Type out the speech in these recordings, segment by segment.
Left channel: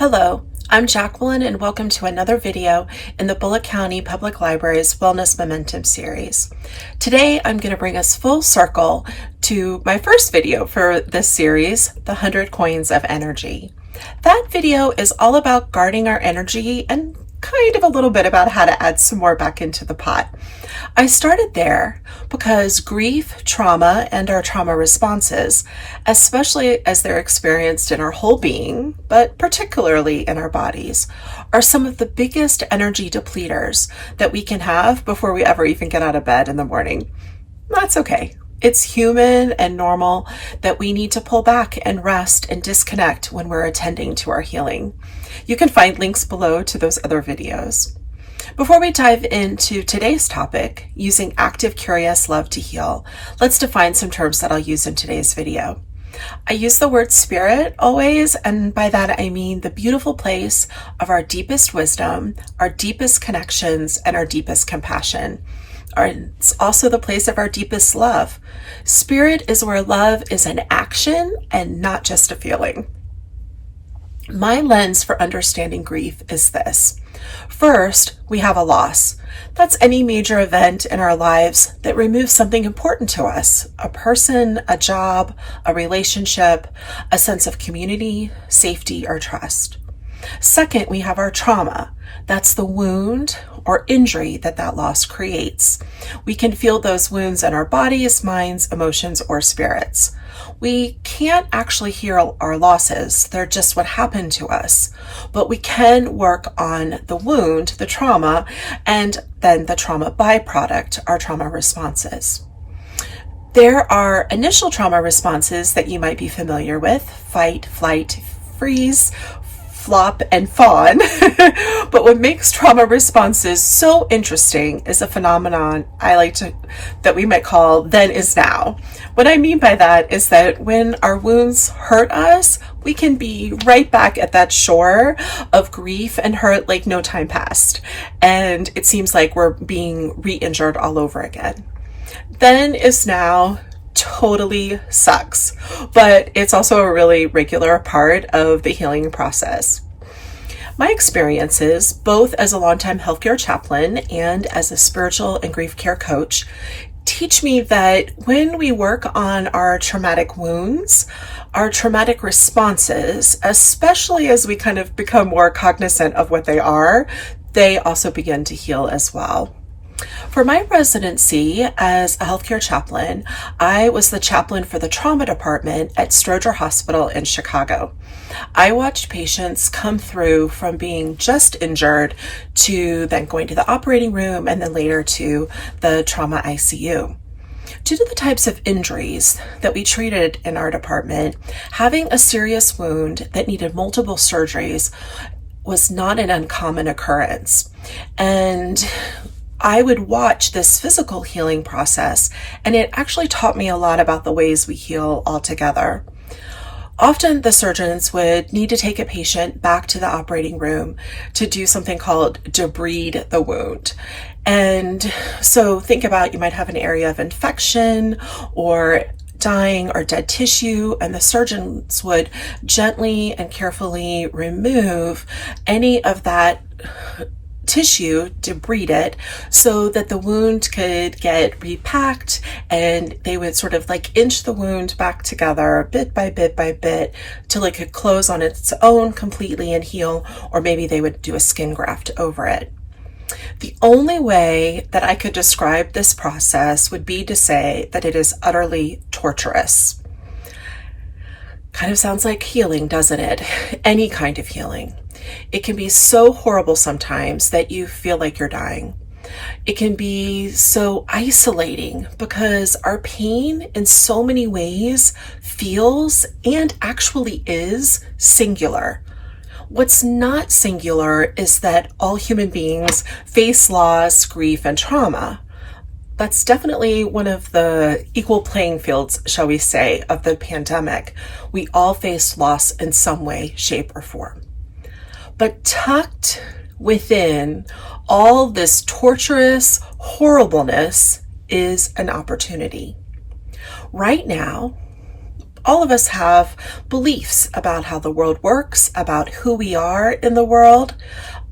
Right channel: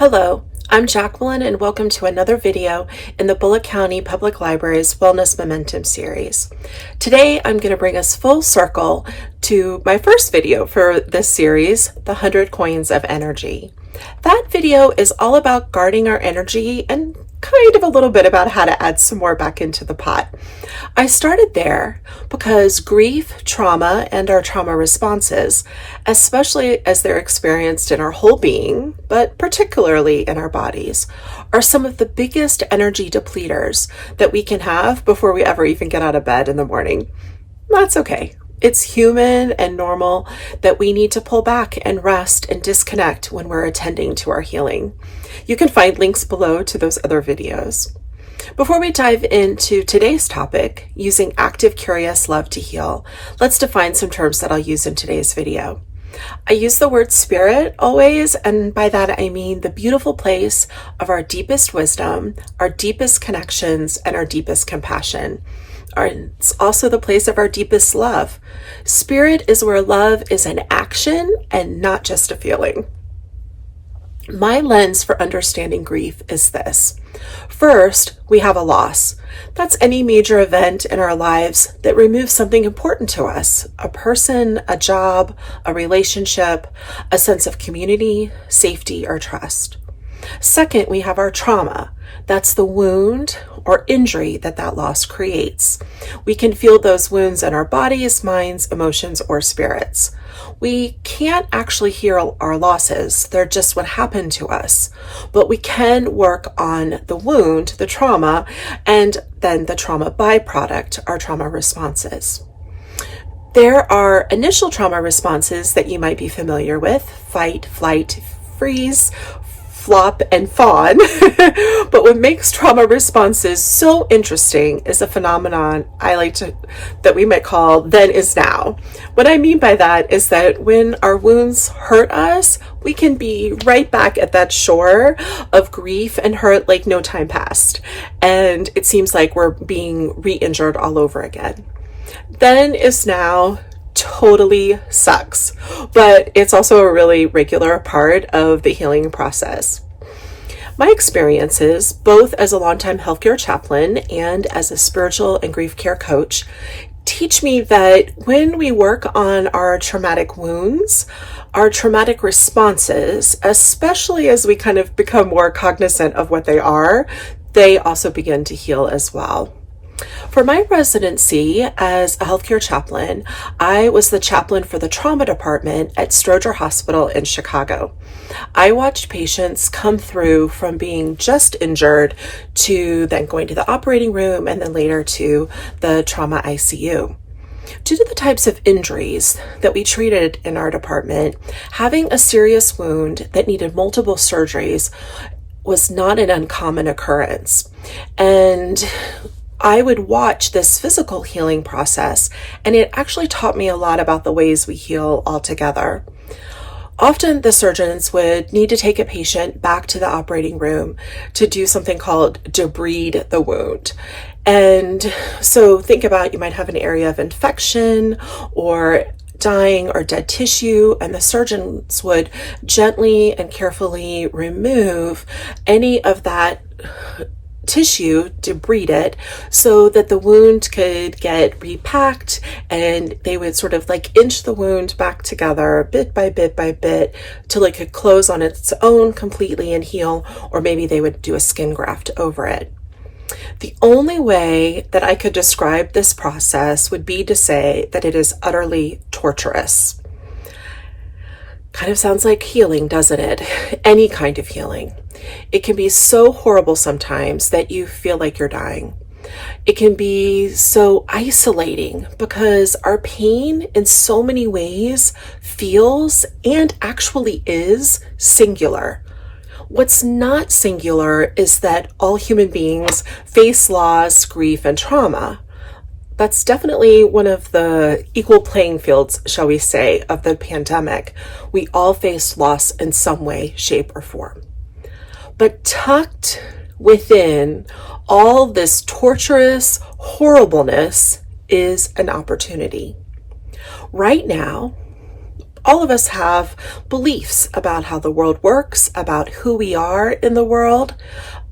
Hello, I'm Jacqueline and welcome to another video in the Bullitt County Public Library's Wellness Momentum series. Today I'm going to bring us full circle to my first video for this series, The 100 Coins of Energy. That video is all about guarding our energy and kind of a little bit about how to add some more back into the pot. I started there because grief, trauma, and our trauma responses, especially as they're experienced in our whole being, but particularly in our bodies, are some of the biggest energy depleters that we can have before we ever even get out of bed in the morning. That's okay. It's human and normal that we need to pull back and rest and disconnect when we're attending to our healing. You can find links below to those other videos. Before we dive into today's topic, using active, curious love to heal, let's define some terms that I'll use in today's video. I use the word spirit always, and by that I mean the beautiful place of our deepest wisdom, our deepest connections, and our deepest compassion. It's also the place of our deepest love. Spirit is where love is an action and not just a feeling. My lens for understanding grief is this. First, we have a loss. That's any major event in our lives that removes something important to us, a person, a job, a relationship, a sense of community, safety, or trust. Second, we have our trauma. That's the wound or injury that loss creates. We can feel those wounds in our bodies, minds, emotions, or spirits. We can't actually heal our losses. They're just what happened to us. But we can work on the wound, the trauma, and then the trauma byproduct, our trauma responses. There are initial trauma responses that you might be familiar with: fight, flight, freeze, flop, and fawn. But what makes trauma responses so interesting is a phenomenon that we might call then is now. What I mean by that is that when our wounds hurt us, we can be right back at that shore of grief and hurt like no time passed. And it seems like we're being re-injured all over again. Then is now totally sucks, but it's also a really regular part of the healing process. My experiences, both as a longtime healthcare chaplain and as a spiritual and grief care coach, teach me that when we work on our traumatic wounds, our traumatic responses, especially as we kind of become more cognizant of what they are, they also begin to heal as well. For my residency as a healthcare chaplain, I was the chaplain for the trauma department at Stroger Hospital in Chicago. I watched patients come through from being just injured to then going to the operating room and then later to the trauma ICU. Due to the types of injuries that we treated in our department, having a serious wound that needed multiple surgeries was not an uncommon occurrence. And I would watch this physical healing process, and it actually taught me a lot about the ways we heal altogether. Often the surgeons would need to take a patient back to the operating room to do something called Debride the Wound. And so think about, you might have an area of infection or dying or dead tissue, and the surgeons would gently and carefully remove any of that tissue, debride it, so that the wound could get repacked, and they would sort of like inch the wound back together bit by bit by bit till it could close on its own completely and heal, or maybe they would do a skin graft over it. The only way that I could describe this process would be to say that it is utterly torturous. Kind of sounds like healing, doesn't it? Any kind of healing. It can be so horrible sometimes that you feel like you're dying. It can be so isolating because our pain in so many ways feels and actually is singular. What's not singular is that all human beings face loss, grief, and trauma. That's definitely one of the equal playing fields, shall we say, of the pandemic. We all face loss in some way, shape, or form. But tucked within all this torturous horribleness is an opportunity. Right now, All of us have beliefs about how the world works, about who we are in the world,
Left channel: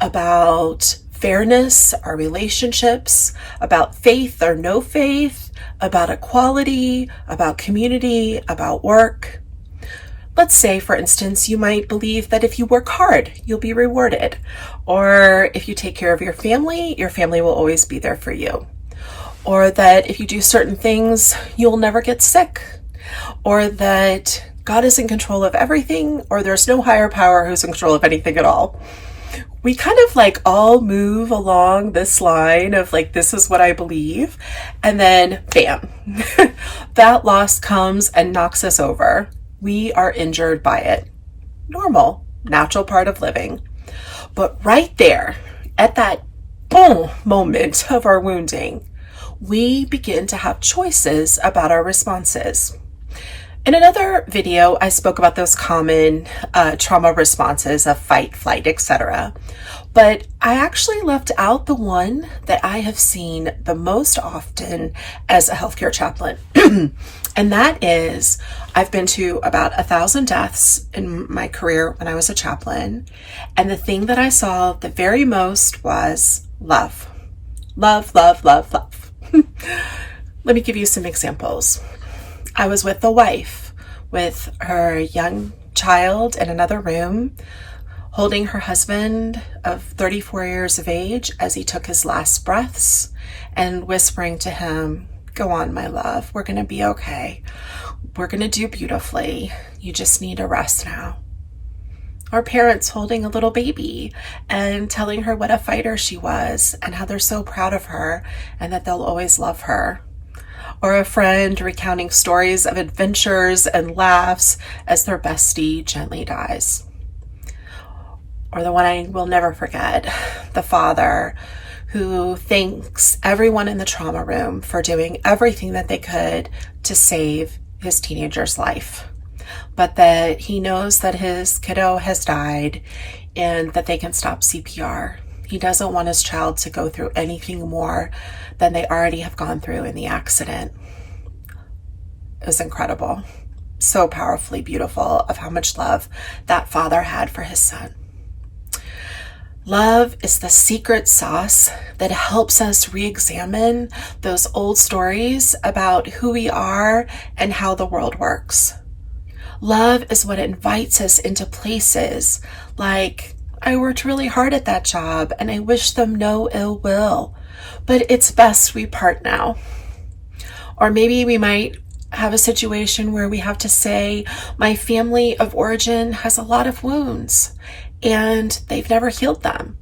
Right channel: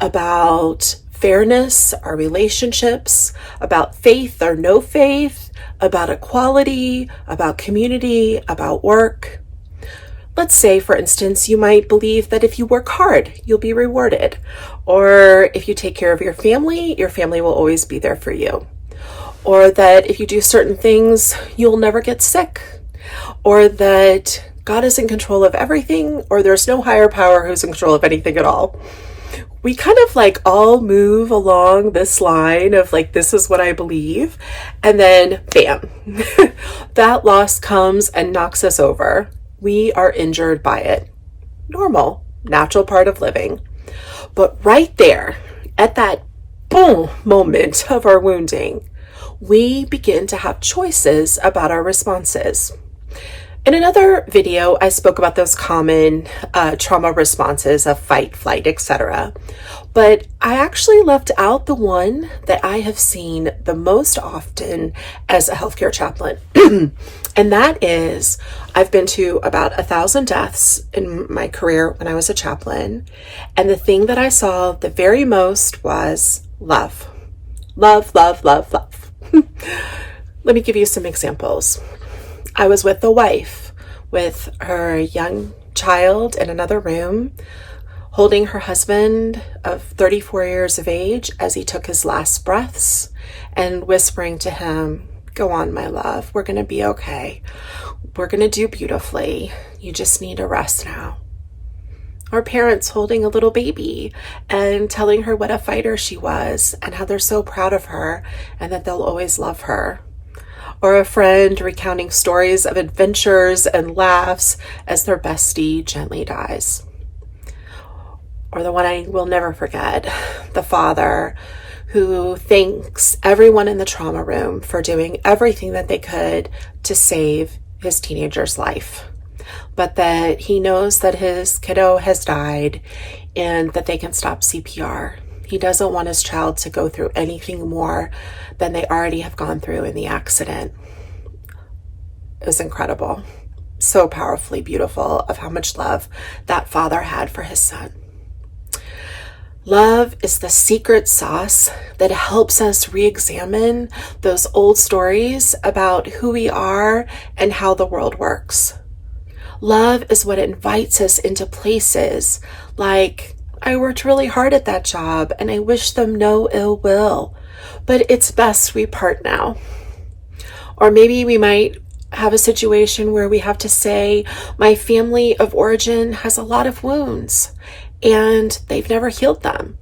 about fairness, our relationships, about faith or no faith, about equality, about community, about work. Let's say, for instance, you might believe that if you work hard, you'll be rewarded. Or if you take care of your family will always be there for you. Or that if you do certain things, you'll never get sick. Or that God is in control of everything, or there's no higher power who's in control of anything at all. We kind of like all move along this line of like, this is what I believe. And then bam, that loss comes and knocks us over. We are injured by it. Normal, natural part of living. But right there, at that boom moment of our wounding, we begin to have choices about our responses. In another video, I spoke about those common trauma responses of fight, flight, etc. But I actually left out the one that I have seen the most often as a healthcare chaplain. And that is, I've been to about 1,000 deaths in my career when I was a chaplain. And the thing that I saw the very most was love. Love, love, love, love. Let me give you some examples. I was with a wife with her young child in another room, holding her husband of 34 years of age as he took his last breaths and whispering to him, "Go on, my love. We're going to be okay. We're going to do beautifully. You just need a rest now." Our parents holding a little baby and telling her what a fighter she was and how they're so proud of her and that they'll always love her. Or a friend recounting stories of adventures and laughs as their bestie gently dies. Or the one I will never forget, the father who thanks everyone in the trauma room for doing everything that they could to save his teenager's life, but that he knows that his kiddo has died and that they can stop CPR. He doesn't want his child to go through anything more than they already have gone through in the accident. It was incredible. So powerfully beautiful of how much love that father had for his son. Love is the secret sauce that helps us re-examine those old stories about who we are and how the world works. Love is what invites us into places like, I worked really hard at that job and I wish them no ill will, but it's best we part now. Or maybe we might have a situation where we have to say, my family of origin has a lot of wounds and they've never healed them,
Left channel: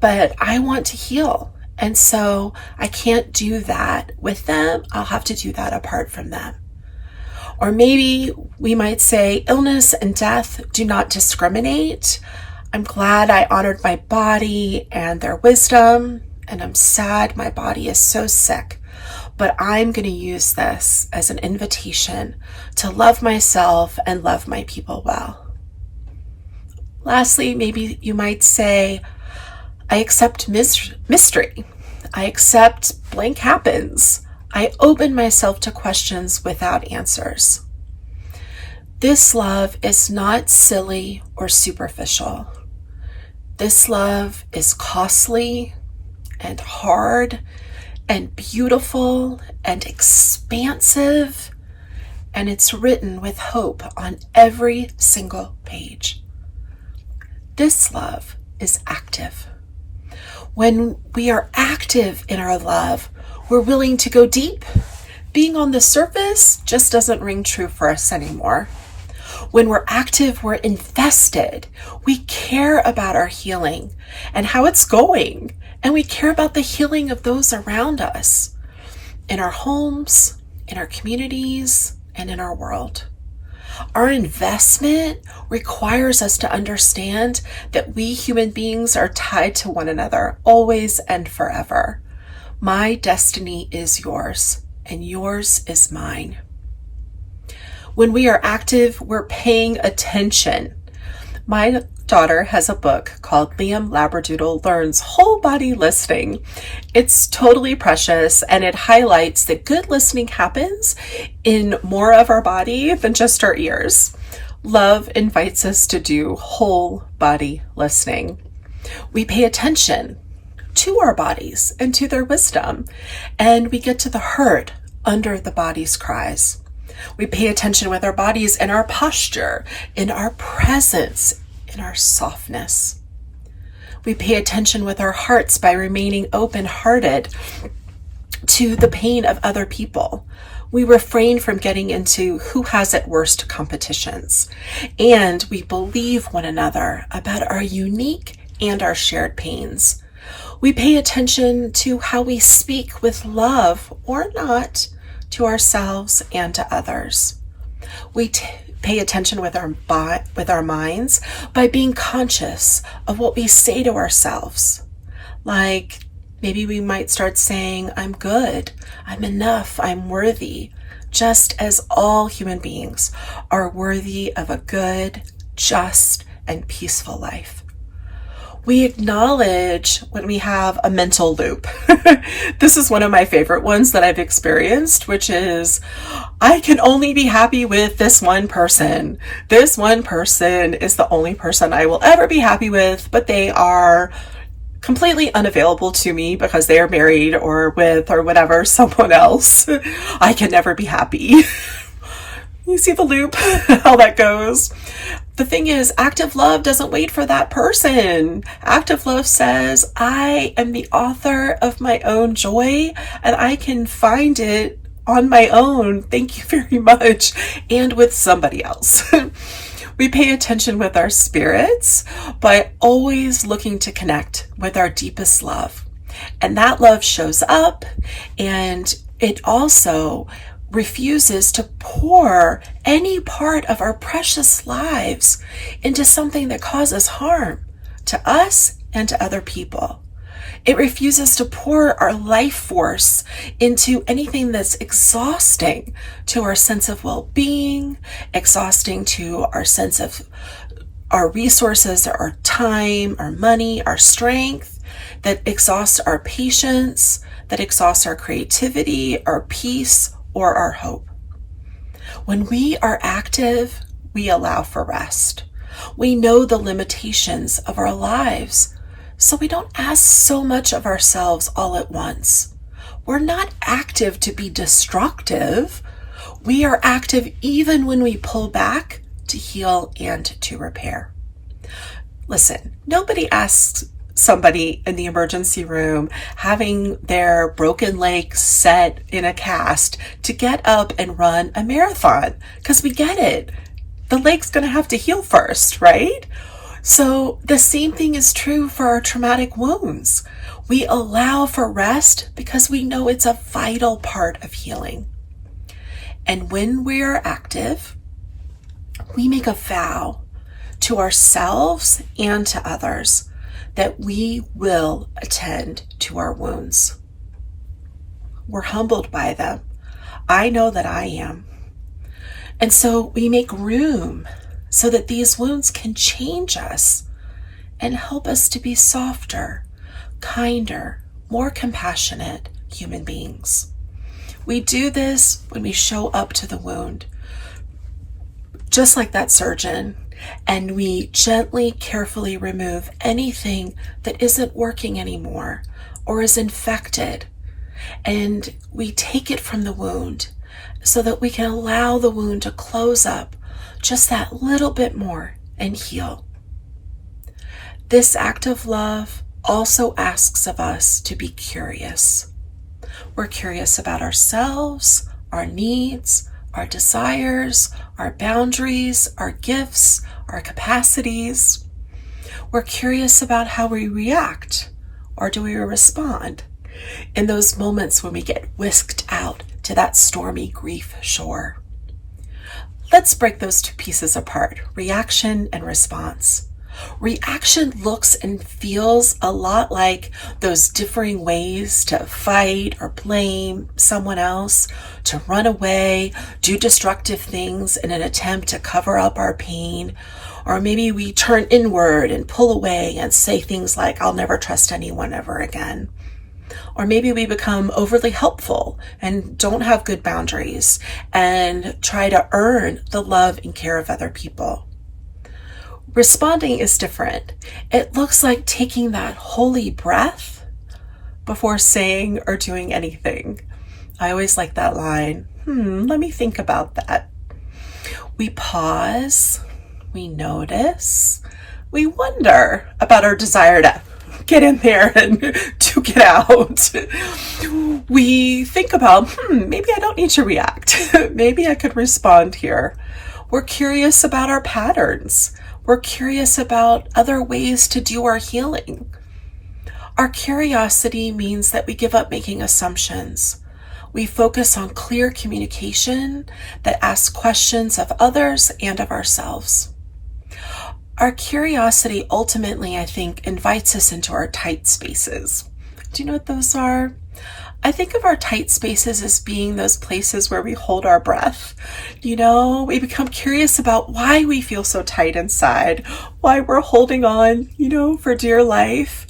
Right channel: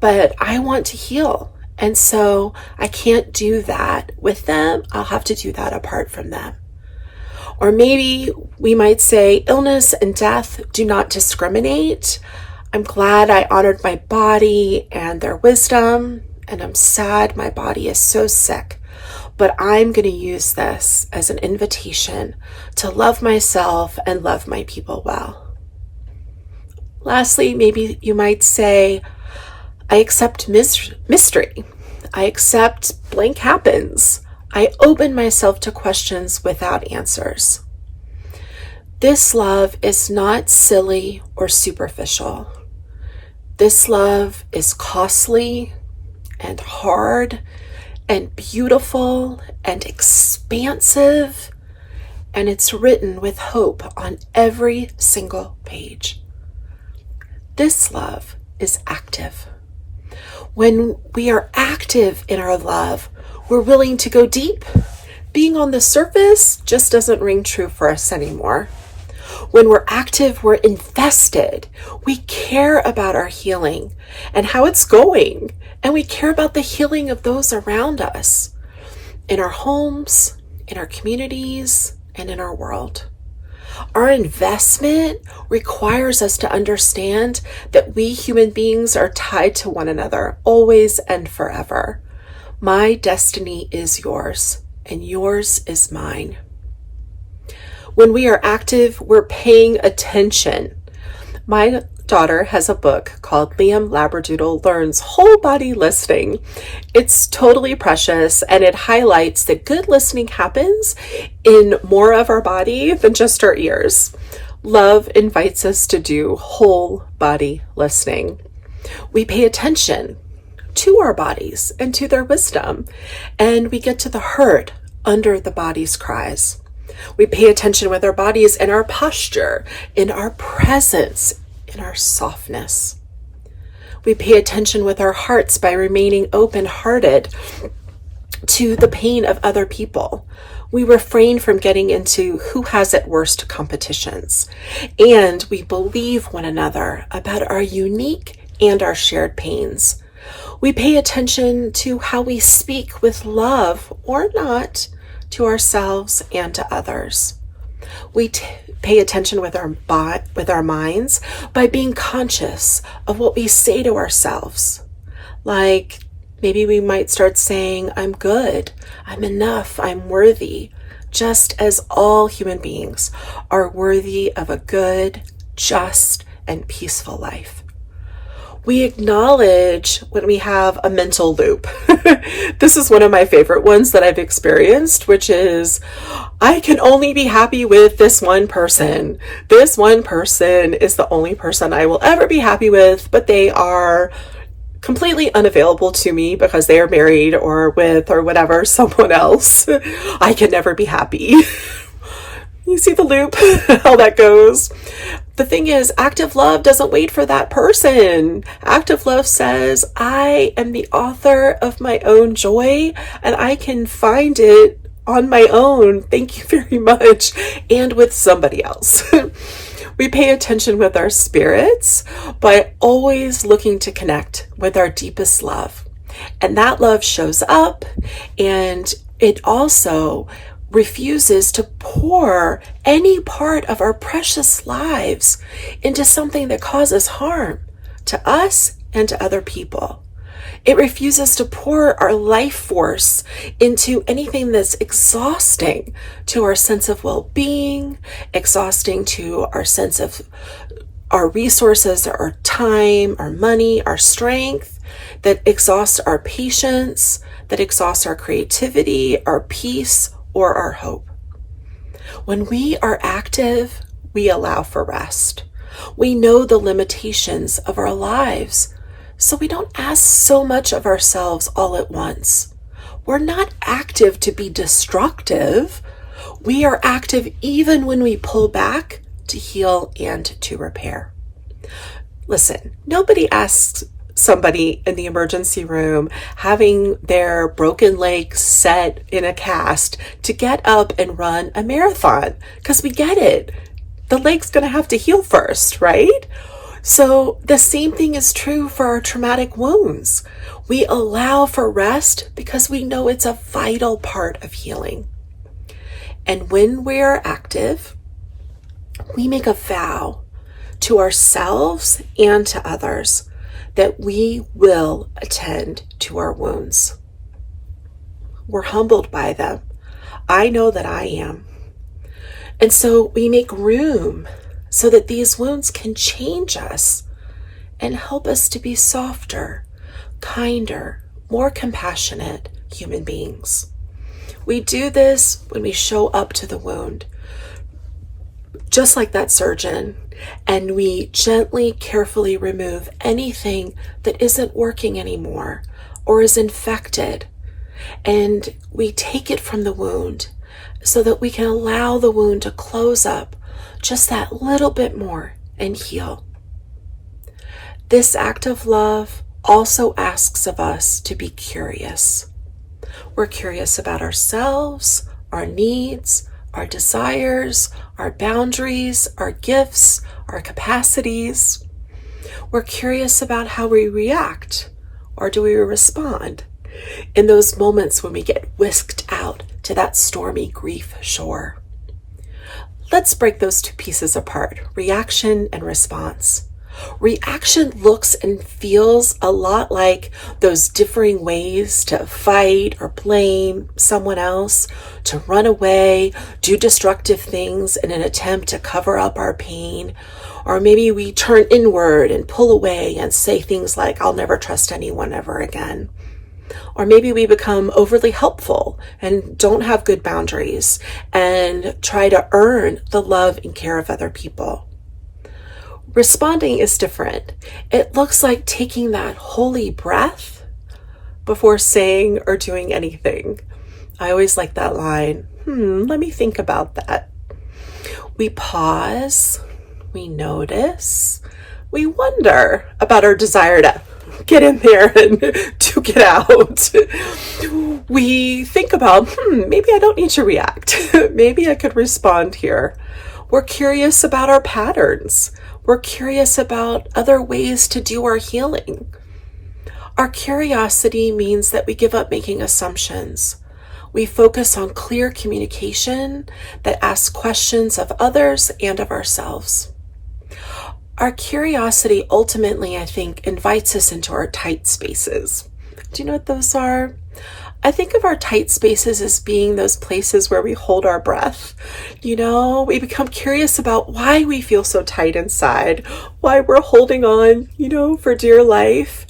but I want to heal. And so I can't do that with them. I'll have to do that apart from them. Or maybe we might say, illness and death do not discriminate. I'm glad I honored my body and their wisdom, and I'm sad my body is so sick, but I'm going to use this as an invitation to love myself and love my people well. Lastly, maybe you might say, I accept mystery. I accept blank happens. I open myself to questions without answers. This love is not silly or superficial. This love is costly and hard and beautiful and expansive, and it's written with hope on every single page. This love is active. When we are active in our love, we're willing to go deep. Being on the surface just doesn't ring true for us anymore. When we're active, we're invested. We care about our healing and how it's going. And we care about the healing of those around us, in our homes, in our communities, and in our world. Our investment requires us to understand that we human beings are tied to one another, always and forever. My destiny is yours, and yours is mine. When we are active, we're paying attention. My daughter has a book called Liam Labradoodle Learns Whole Body Listening. It's totally precious, and it highlights that good listening happens in more of our body than just our ears. Love invites us to do whole body listening. We pay attention to our bodies and to their wisdom, and we get to the hurt under the body's cries. We pay attention with our bodies and our posture, in our presence, in our softness. We pay attention with our hearts by remaining open-hearted to the pain of other people. We refrain from getting into who has it worst competitions, and we believe one another about our unique and our shared pains. We pay attention to how we speak with love or not to ourselves and to others. We pay attention with our minds by being conscious of what we say to ourselves. Like maybe we might start saying, I'm good, I'm enough, I'm worthy, just as all human beings are worthy of a good, just, and peaceful life. We acknowledge when we have a mental loop. This is one of my favorite ones that I've experienced, which is, I can only be happy with this one person. This one person is the only person I will ever be happy with, but they are completely unavailable to me because they are married or with or whatever, someone else. I can never be happy. You see the loop, how that goes? The thing is, active love doesn't wait for that person. Active love says, I am the author of my own joy and I can find it on my own. Thank you very much. And with somebody else. We pay attention with our spirits by always looking to connect with our deepest love. And that love shows up, and it also refuses to pour any part of our precious lives into something that causes harm to us and to other people. It refuses to pour our life force into anything that's exhausting to our sense of well-being, exhausting to our sense of our resources, our time, our money, our strength, that exhausts our patience, that exhausts our creativity, our peace, or our hope. When we are active, we allow for rest. We know the limitations of our lives, so we don't ask so much of ourselves all at once. We're not active to be destructive. We are active even when we pull back to heal and to repair. Listen, nobody asks somebody in the emergency room having their broken leg set in a cast to get up and run a marathon, because we get it. The leg's going to have to heal first, right? So the same thing is true for our traumatic wounds. We allow for rest because we know it's a vital part of healing. And when we're active, we make a vow to ourselves and to others that we will attend to our wounds. We're humbled by them. I know that I am. And so we make room so that these wounds can change us and help us to be softer, kinder, more compassionate human beings. We do this when we show up to the wound, just like that surgeon, and we gently, carefully remove anything that isn't working anymore or is infected. And we take it from the wound so that we can allow the wound to close up just that little bit more and heal. This act of love also asks of us to be curious. We're curious about ourselves, our needs, our desires, our boundaries, our gifts, our capacities. We're curious about how we react, or do we respond in those moments when we get whisked out to that stormy grief shore. Let's break those two pieces apart, reaction and response. Reaction looks and feels a lot like those differing ways to fight or blame someone else, to run away, do destructive things in an attempt to cover up our pain, Or maybe we turn inward and pull away and say things like, I'll never trust anyone ever again. Or maybe we become overly helpful and don't have good boundaries and try to earn the love and care of other people. Responding is different. It looks like taking that holy breath before saying or doing anything. I always like that line. Let me think about that. We pause, we notice, we wonder about our desire to get in there and to get out. We think about, maybe I don't need to react. Maybe I could respond here. We're curious about our patterns. We're curious about other ways to do our healing. Our curiosity means that we give up making assumptions. We focus on clear communication that asks questions of others and of ourselves. Our curiosity ultimately, I think, invites us into our tight spaces. Do you know what those are? I think of our tight spaces as being those places where we hold our breath. We become curious about why we feel so tight inside, why we're holding on, for dear life,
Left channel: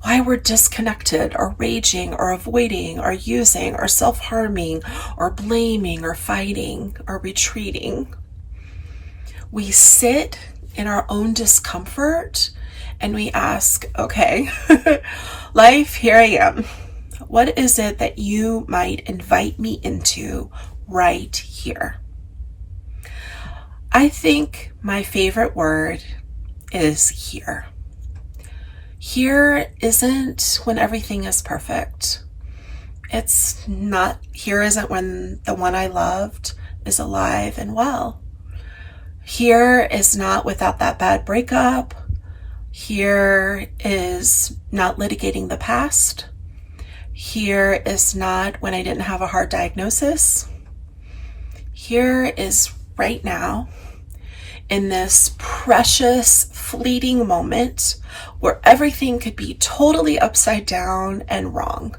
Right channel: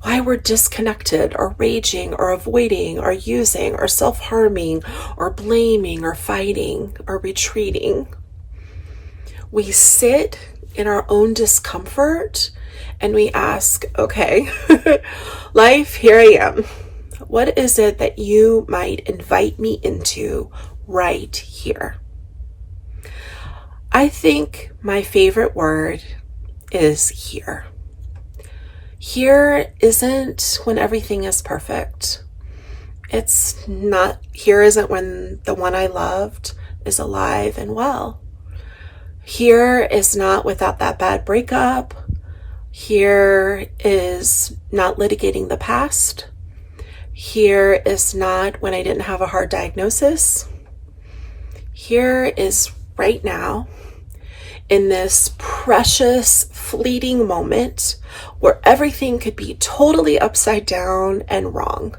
why we're disconnected or raging or avoiding or using or self-harming or blaming or fighting or retreating. We sit in our own discomfort and we ask, okay, life, here I am. What is it that you might invite me into right here? I think my favorite word is here. Here isn't when everything is perfect. It's not, here isn't when the one I loved is alive and well. Here is not without that bad breakup. Here is not litigating the past. Here is not when I didn't have a hard diagnosis. Here is right now, in this precious, fleeting moment where everything could be totally upside down and wrong.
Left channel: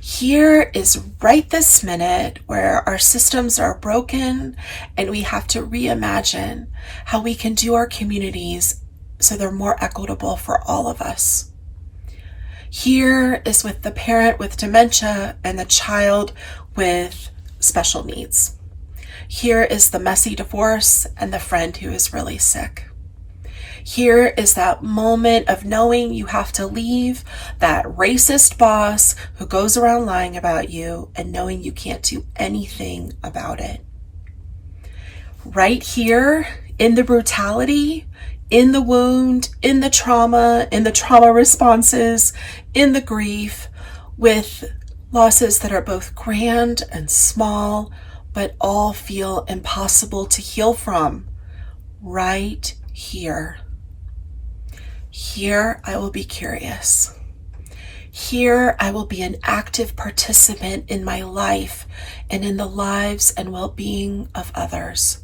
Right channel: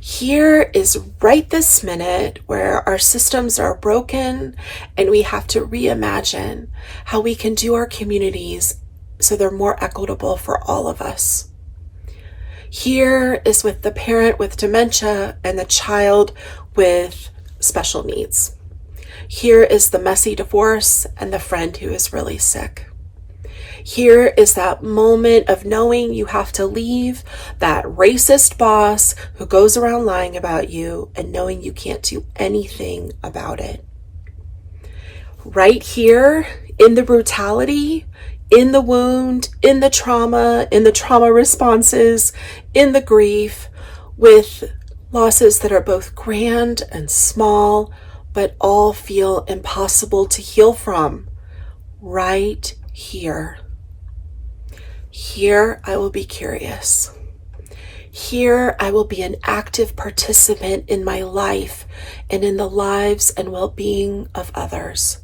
Here is right this minute where our systems are broken and we have to reimagine how we can do our communities so they're more equitable for all of us. Here is with the parent with dementia and the child with special needs. Here is the messy divorce and the friend who is really sick. Here is that moment of knowing you have to leave that racist boss who goes around lying about you and knowing you can't do anything about it. Right here, in the brutality, in the wound, in the trauma responses, in the grief, with losses that are both grand and small, but all feel impossible to heal from. Right here. Here I will be curious. Here I will be an active participant in my life and in the lives and well-being of others.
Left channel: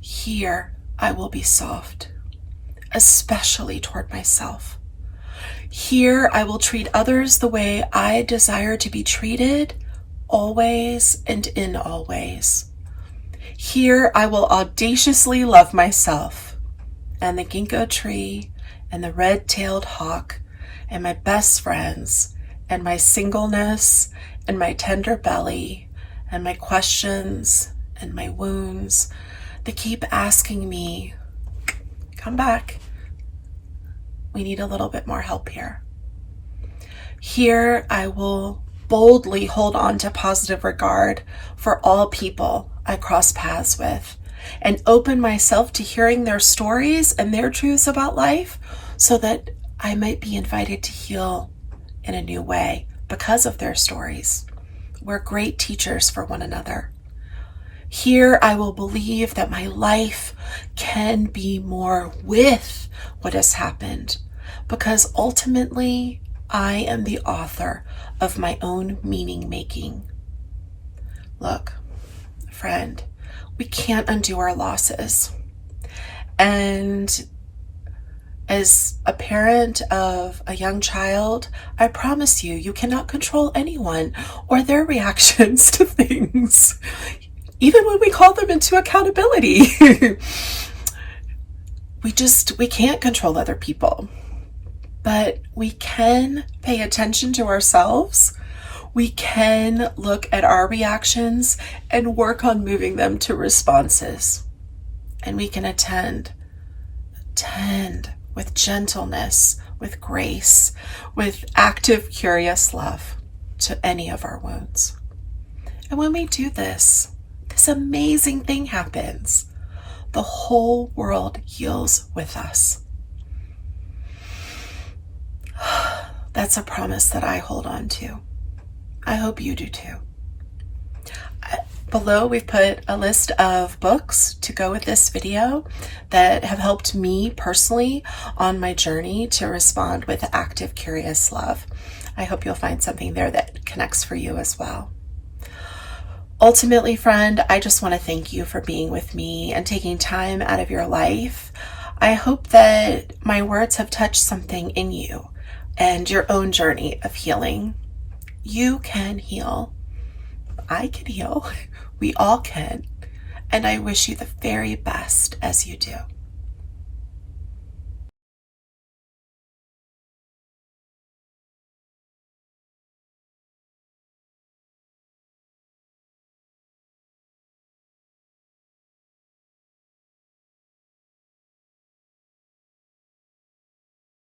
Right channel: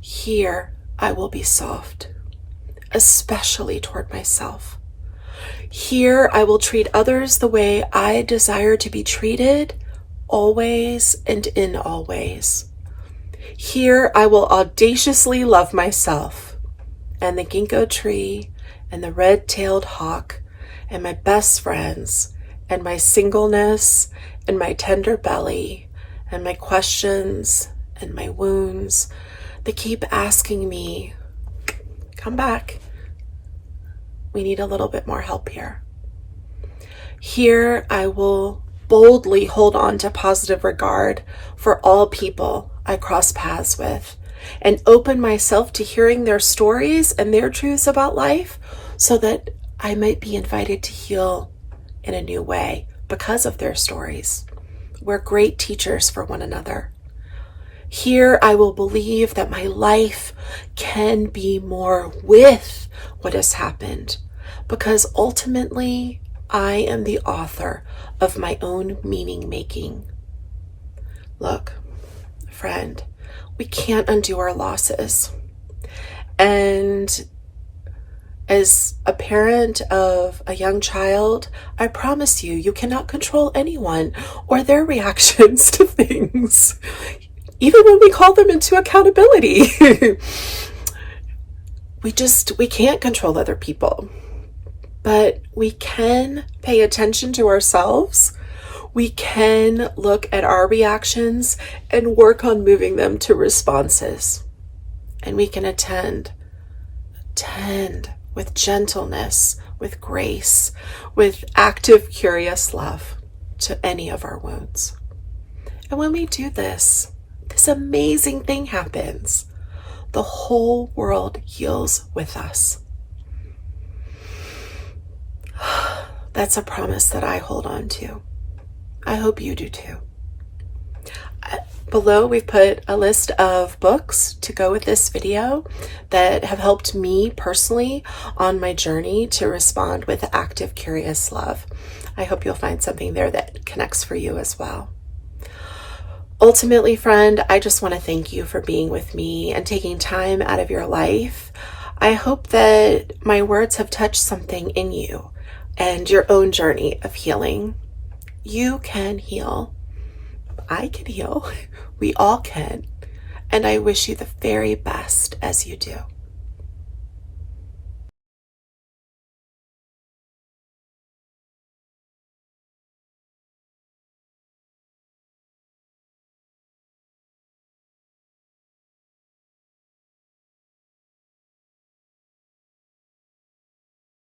Here I will be soft, especially toward myself. Here I will treat others the way I desire to be treated, always and in all ways. Here I will audaciously love myself and the ginkgo tree and the red-tailed hawk and my best friends and my singleness and my tender belly and my questions and my wounds that keep asking me, come back. We need a little bit more help here. Here I will boldly hold on to positive regard for all people I cross paths with and open myself to hearing their stories and their truths about life so that I might be invited to heal in a new way because of their stories. We're great teachers for one another. Here I will believe that my life can be more with what has happened because ultimately I am the author of my own meaning making. Look, friend, we can't undo our losses. And as a parent of a young child, I promise you, you cannot control anyone or their reactions to things, even when we call them into accountability. we can't control other people, but we can pay attention to ourselves. We can look at our reactions and work on moving them to responses. And we can attend with gentleness, with grace, with active, curious love to any of our wounds. And when we do this, this amazing thing happens. The whole world heals with us. That's a promise that I hold on to. I hope you do too. Below, we've put a list of books to go with this video that have helped me personally on my journey to respond with active, curious love. I hope you'll find something there that connects for you as well. Ultimately, friend, I just want to thank you for being with me and taking time out of your life. I hope that my words have touched something in you and your own journey of healing. You can heal. I can heal. We all can. And I wish you the very best as you do.